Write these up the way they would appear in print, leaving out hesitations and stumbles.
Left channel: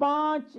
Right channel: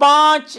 5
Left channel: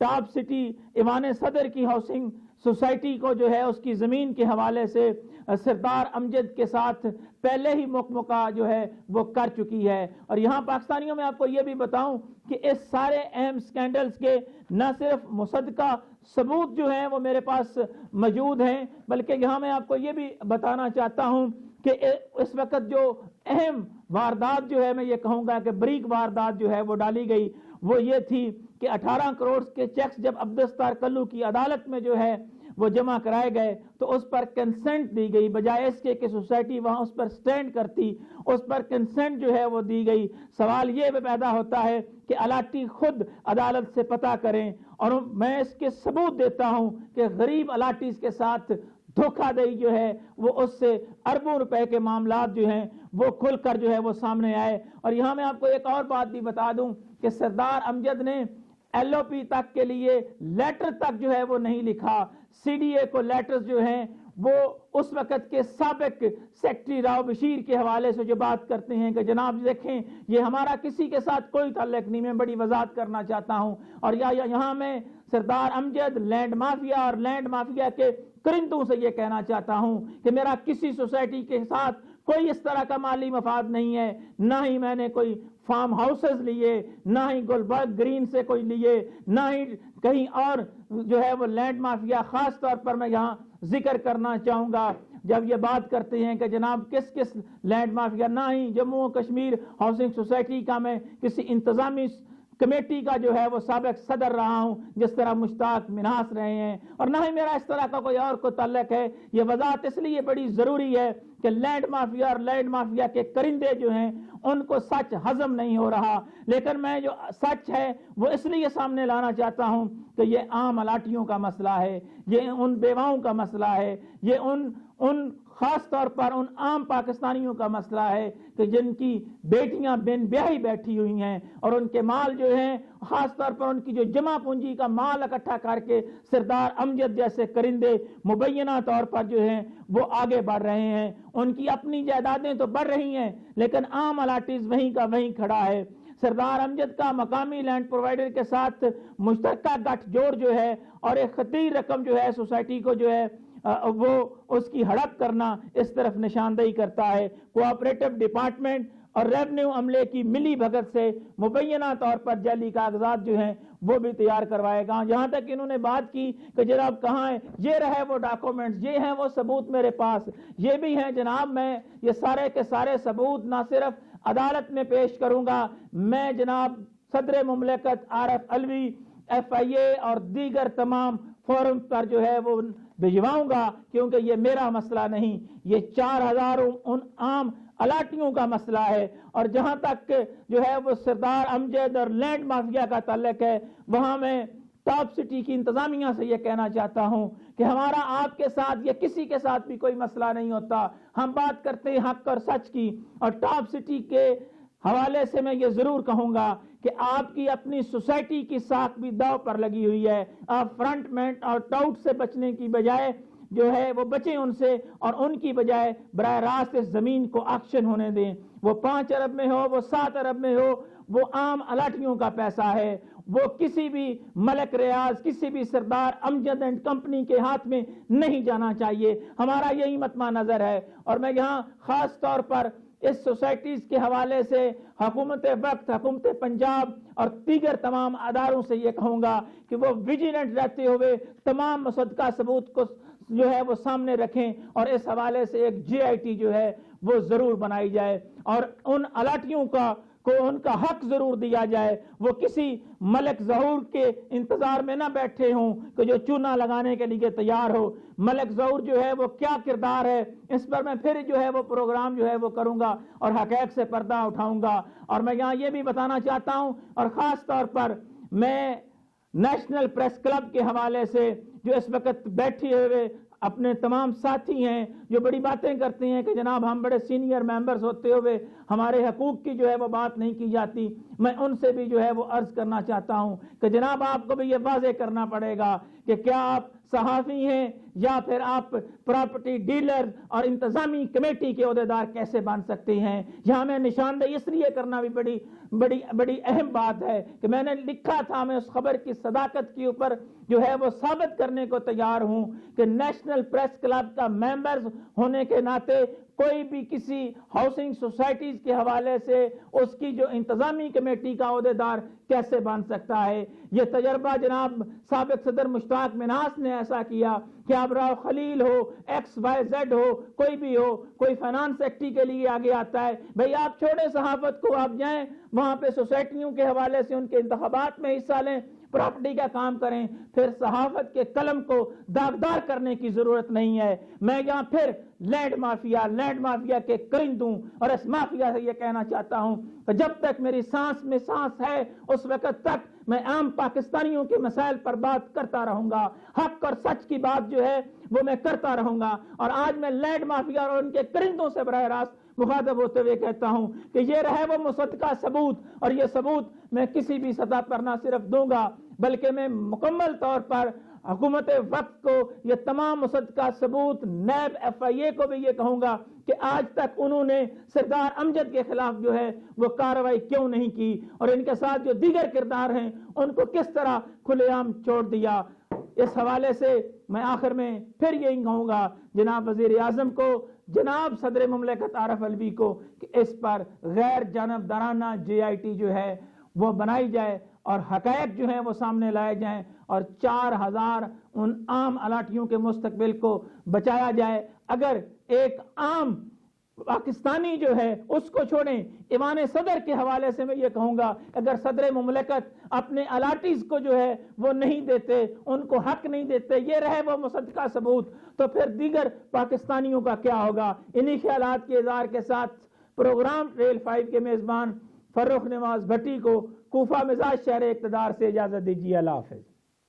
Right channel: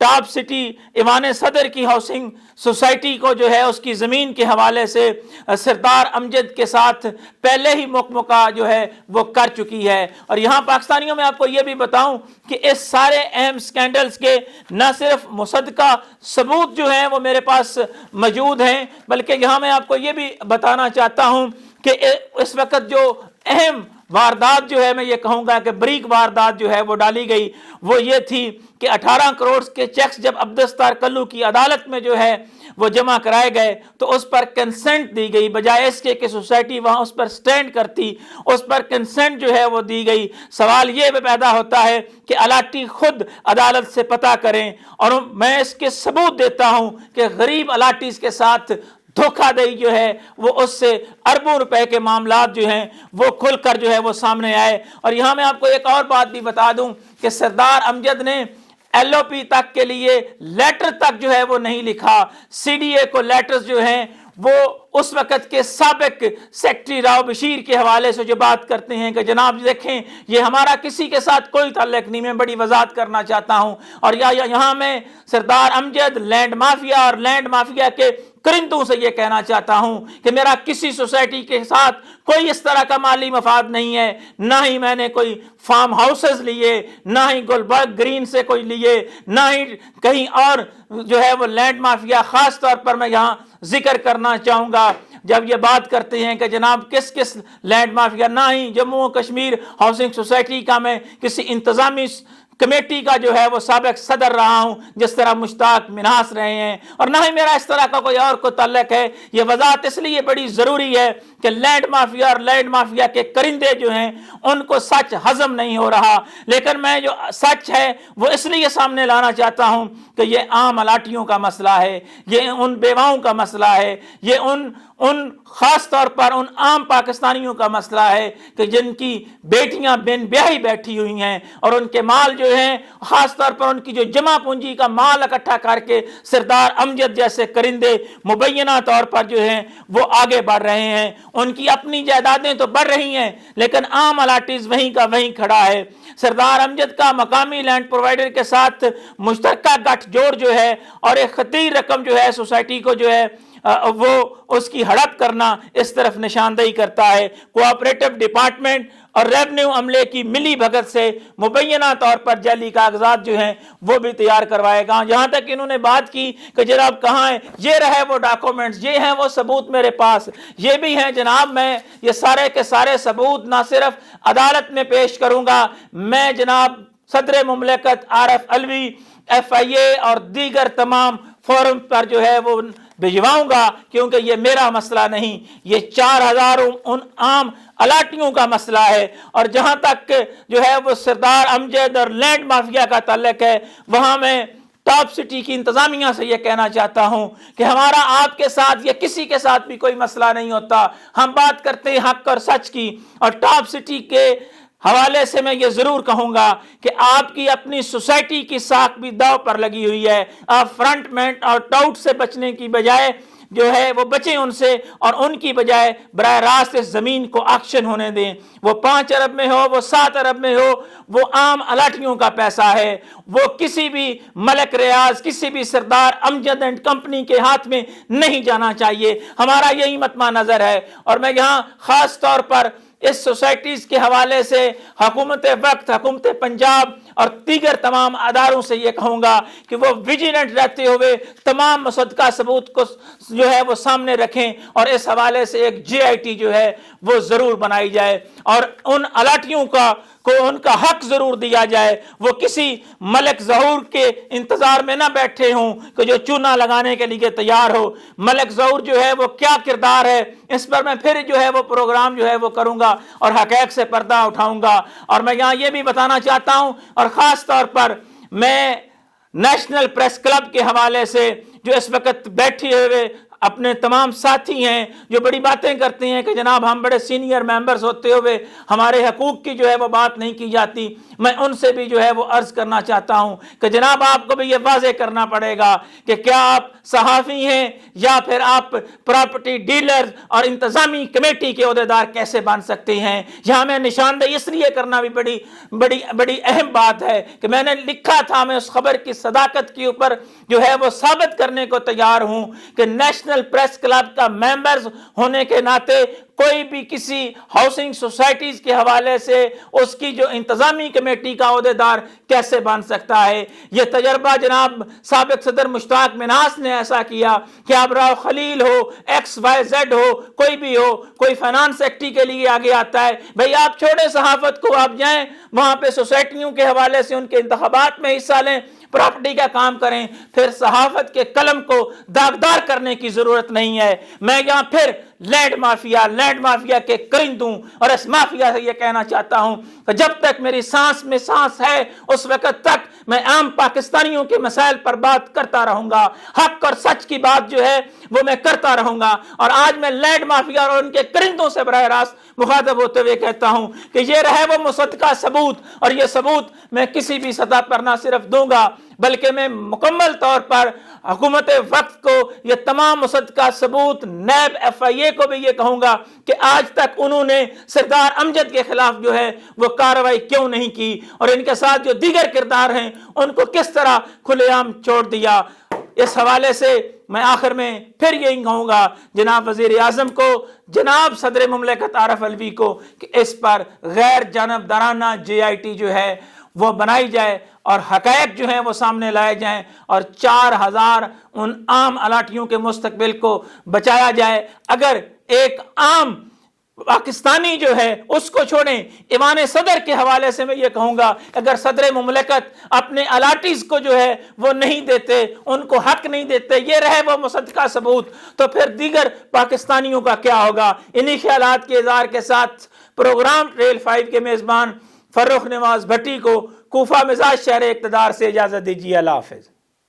top city ایوان صدر کی ہاؤسنگ سوسائٹی کو جو ہے اس کی زمین کے حوالے سے سردار امجد کے ساتھ پہلے ہی موقع جو ہے وہ کر چکی ہے۔ اور یہاں پاکستانیوں میں آپ کو یہ بھی بتاؤں کہ اس سارے اہم سکینڈلز کے نہ صرف مصدقہ ثبوت جو ہیں وہ میرے پاس موجود ہیں، بلکہ یہاں میں آپ کو یہ بھی بتانا چاہتا ہوں کہ اس وقت جو اہم واردات جو ہے، میں یہ کہوں گا کہ بریک واردات جو ہے وہ ڈالی گئی، وہ یہ تھی کہ 18 کروڑ کے چیکس جب عبدالستار کلو کی عدالت میں جو ہے وہ جمع کرائے گئے تو اس پر کنسنٹ دی گئی، بجائے اس کے کہ سوسائٹی وہاں اس پر سٹینڈ کرتی، اس پر کنسنٹ جو ہے وہ دی گئی۔ سوال یہ پیدا ہوتا ہے کہ الاٹی خود عدالت سے پتہ کریں، اور میں اس کے ثبوت دیتا ہوں کہ غریب الاٹیز کے ساتھ دھوکہ دہی جو ہے وہ اس سے اربوں روپے کے معاملات جو ہیں وہ کھل کر جو ہے وہ سامنے آئے۔ اور یہاں میں آپ کو ایک اور بات بھی بتا دوں کہ سردار امجد نے ایل او پی تک کے لیے لیٹر تک جو ہے وہ نہیں لکھا۔ سی ڈی اے کو لیٹرز جو ہیں وہ اس وقت کے سابق سیکٹری راؤ بشیر کے حوالے سے جو بات کرتے ہیں کہ جناب دیکھیں یہ ہمارا کسی کے ساتھ کوئی تعلق نہیں، میں بڑی وضاحت کرنا چاہتا ہوں۔ اور یہاں میں سردار امجد، لینڈ مافیا اور لینڈ مافیا کے کرندوں سے یہ کہنا چاہتا ہوں کہ میرا کسی سوسائٹی کے ساتھ کوئی اس طرح کا مالی مفاد نہیں ہے، نہ ہی میں نے کوئی فارم ہاؤسز لیے، نہ ہی گلبرگ گرین سے کوئی لیے، نہ ہی کہیں اور جو ہے وہ لینڈ مافیا۔ خاص طور پر میں یہاں ذکر کرنا چاہوں گا جب یہ بات کرتے ہیں کہ جناب کس کس لینڈ مافیا، نہ ہی جموں و کشمیر ہاؤسنگ سوسائٹی کا میں کسی انتظامی کمیٹی کا جو ہے وہ سابق صدر رہا ہوں جس طرح مشتاق منہاس رہے ہیں، اور نہ ہی میرا اس طرح کا کوئی اور کو تعلق ہے۔ یہ وضاحت اس لیے بڑی ضروری ہے کہ لینڈ مافیا اور لینڈ مافیا کے کرندے جو ہیں ان کو سچ ہضم نہیں ہو رہا، لیکن میں جو سچ ہے وہ اس لیے سامنے لانا چاہتا ہوں کہ یہ عام الاٹیوں کا مسئلہ ہے، یہ ان بیواؤں کا مسئلہ ہے، یہ ان خاص طور پر ان عام پاکستانیوں کا مسئلہ ہے کہ جن کی بیٹیاں بن بیاہی بیٹھی ہوئی ہیں اور ان کے مال جو ہیں، خاص طور پر ان کی جو جمع پونجی کا مال اکٹھا کر کے سردار امجد جیسے کرندے مبینہ طور پر جو ہیں وہ آگے بڑھ رہے ہیں۔ ان کی اپنی جائیدادیں تو بڑھ رہی ہیں لیکن عام الاٹیز وہیں کا وہیں کھڑا ہے۔ سردار امجد کا مقامی لینڈ پرووائڈر کے ساتھ مشترکہ گٹھ جوڑ جو ہے اور ایک خطیر رقم جو ہے سوسائٹی کو جو ہے وہ اس کی ہڑپ کرنا اس طرف نشاندہی کرتا ہے۔ کوآپریٹو ڈپارٹمنٹ اور ریونیو عملے کی ملی بھگت سے مبینہ طور پر جعلی کاغذات جو ہیں وہ بھی تیار کروائے گا۔ یہاں تک انہوں نے بات کی کہ جناب کہاں ہیں، یہ رہے وہ ڈاکومنٹس، یہ ہیں وہ ثبوت میرے پاس، یہ بھی ہیں جناب، میں یہ سارے کے سارے ثبوت نہ صرف عدالت میں پیش کروں گا، میں جناب صدر مملکت عارف علوی، ایف آئی اے اور دیگر تمام فورم پر جو ہے وہ بھجواؤں گا، کیونکہ یہ میرا مسئلہ نہیں، یہ 4000 ان عام الاٹیوں کا مسئلہ ہے۔ اور جہاں تک جو ہے وہ سردار امجد اور لینڈ مافیا کا تعلق ہے، وہاں میں ٹاپ سٹی کی انتظامیہ سے یہ کہنا چاہتا ہوں کہ ہمارا آپ کے ساتھ یا کسی کے ساتھ بھی کوئی مسئلہ نہیں ہوتا، ہم بات کرتے ہیں حق اور سچ کی۔ اور ٹاپ سٹی کے حوالے سے میں یہ ضرور کہوں گا کہ آپ کی اپنی سوسائٹی کی ساکھ بھی داؤ پر لگی ہوئی ہے۔ آپ فرنٹ مینٹ اور ٹاؤٹ سے بچنے کی بجائے جو ہے وہ بچیں ان سے، اور ان کی بجائے براہ راست اس زمین کو آکشن ہونے دیں۔ وہ 5 ارب میں ہو، وہ 7 ارب میں ہو، وہ عام الاٹیوں کا پیسہ ہے، وہ کسی بھی ملک ریاض، کسی بھی سردار امجد اینڈ کمپنی کے ہاتھ میں نہیں جانا چاہیے۔ ہمارا یہی مطمع نظر ہے۔ اور میں یہاں خاص طور پر اس سوسائٹیز کے حوالے سے حکومت وقت، حکومت پنجاب اور دیگر تمام اداروں سے یہ کہوں گا کہ وہ ویجیلنٹ رہتے ہوئے تمام مصدقہ ثبوت کو جو ہے وہ سامنے رکھیں، اور اس حوالے سے ایک جے آئی ٹی جو ہے وہ ضرور بنائی جائے، اور ان الاٹیوں کو ان کا حق ضرور دیا جائے۔ وہ کسی ملک ظہور کے انتظار میں نہ بیٹھے ہوں کہ جو چونا لگانے کے لیے تیار ہو۔ ملک ظہور جو ہے وہ کیا کردار ہے، اس پر میں پھر جو ہے وہ پروگرام جو ہے وہ کروں گا اور حقائق سے پردہ اٹھاؤں گا۔ اور میں یہاں یہ بھی بتانا چاہتا ہوں، اور خاص طور پر میں نیشنل پریس کلب کے حوالے سے جو اس وقت بیٹھے ہوئے اپنے تمام ساتھی ہیں جو بڑی باتیں کرتے ہیں کہ جناب ہم بڑے سینئر ممبرز ہوتے ہوئے ہمارے حقوق کی جو ہے وہ بات نہیں کی جاتی، میں ان سے بھی جو ہے وہ عرض کرنا چاہتا ہوں کہ جناب آپ کو بھی یہ واضح کرنا پڑے گا کہ کیا آپ صحافی ہیں یا پھر آپ پراپرٹی ڈیلر اور انتظامی کمیٹی کے عہدیدار کیسے بن سکتے ہیں۔ یہاں میں نشاندہی اس لیے کرنا بھی بڑی اہم بات ہے کہ میں نے لکھا تھا، میں اس خبر کی صداقت کے اوپر جو ہے وہ ثابت کرنے کو تیار ہوں کہ نیشنل پریس کلب کا ممبرز ہونے کے ناطے کوئی بھی کسی ہاؤسنگ سوسائٹیز کے حوالے سے اس کی جو انتظامی کمیٹی کا عہدیدار کیسے بن سکتا ہے۔ یہ تجربہ جناب سابق صدر مشتاق منہاس نے ایسا کیا کہ اب راؤ خلیل ہو، ایکس وائی زیڈ ہو، کوئی بھی ہو، کوئی فائنانس سیکٹری کے لیے آگے آتا ہے، بھئی آپ چھوڑیں صحافت کو، آپ جائیں وہاں پہ سوسائٹیوں کے حوالے سے ان کے انتخابات میں حصہ لیں، پراپرٹی کا کام کریں، پھر صحافت کے قلم کو داغدار کرنے کی ضرورت نہیں ہے۔ میں یہاں پھر لینڈ مافیا کے کرندوں اور اس مافیا سے یہ کہنا چاہتا ہوں کہ جب تک میری سانس میں سانس ہے اس وقت تک میں عام پاکستانیوں کے مسائل پر بات کرتا رہوں گا، حق اور سچ کی بات جو ہے وہ میں کرتا رہوں گا۔ اور آج میں لینڈ مافیا اور ان کے کرندوں سے براہ راست مخاطب ہوتے ہوئے کہتا ہوں کہ یہ رہے وہ مصدقہ ثبوت، اور یہ ثبوت میں کسی بھی سطح پر نہ صرف دوں گا بلکہ میں مکمل طور پر حکومت وقت کو یہ تمام مصدقہ ثبوت، نیب، ایف آئی اے کو بھی یہ کہوں گا کہ آج تک انہوں نے سردار امجد کے خلاف جو ہے وہ کارروائی کیوں نہیں کی، اور ان کے ساتھ جو دیگر کردار ہیں ان کو کس طرح کھلے عام چھوڑ دیا۔ اس حوالے سے میں آخر میں پھر یہی کہوں گا جناب وزیر اعظم کو، جناب صدر مملکت عارف علوی کو کہ اس پر غیر جانبدارانہ جے آئی ٹی جو ہے وہ بنائی جائے اور حقائق جو ہیں وہ سامنے لائے جائیں، اور 4000 ان عام الاٹیوں کے مستقبل کو بچایا جائے۔ اگر ایک عام پاکستانی جو ہے اس کو چھوڑیں، ایوان صدر کے حوالے سے میں یہ کہوں گا اگر صدر مملکت اپنے الاٹیز کو جو ہے وہ نہیں دیتے، ان کو حق نہیں دیتے، یہ رہے وہ مصدقہ ثبوت، تو پھر دیگر پاکستانیوں کا کیا ہوگا۔ انہی خیالات کے اظہار کے ساتھ پروگرام ٹریل 5 کے میزبان فرخ نواز بھٹی کو کوفہ مزاج شہر اقتدار سے اجازت دیجیے۔ اللہ حافظ۔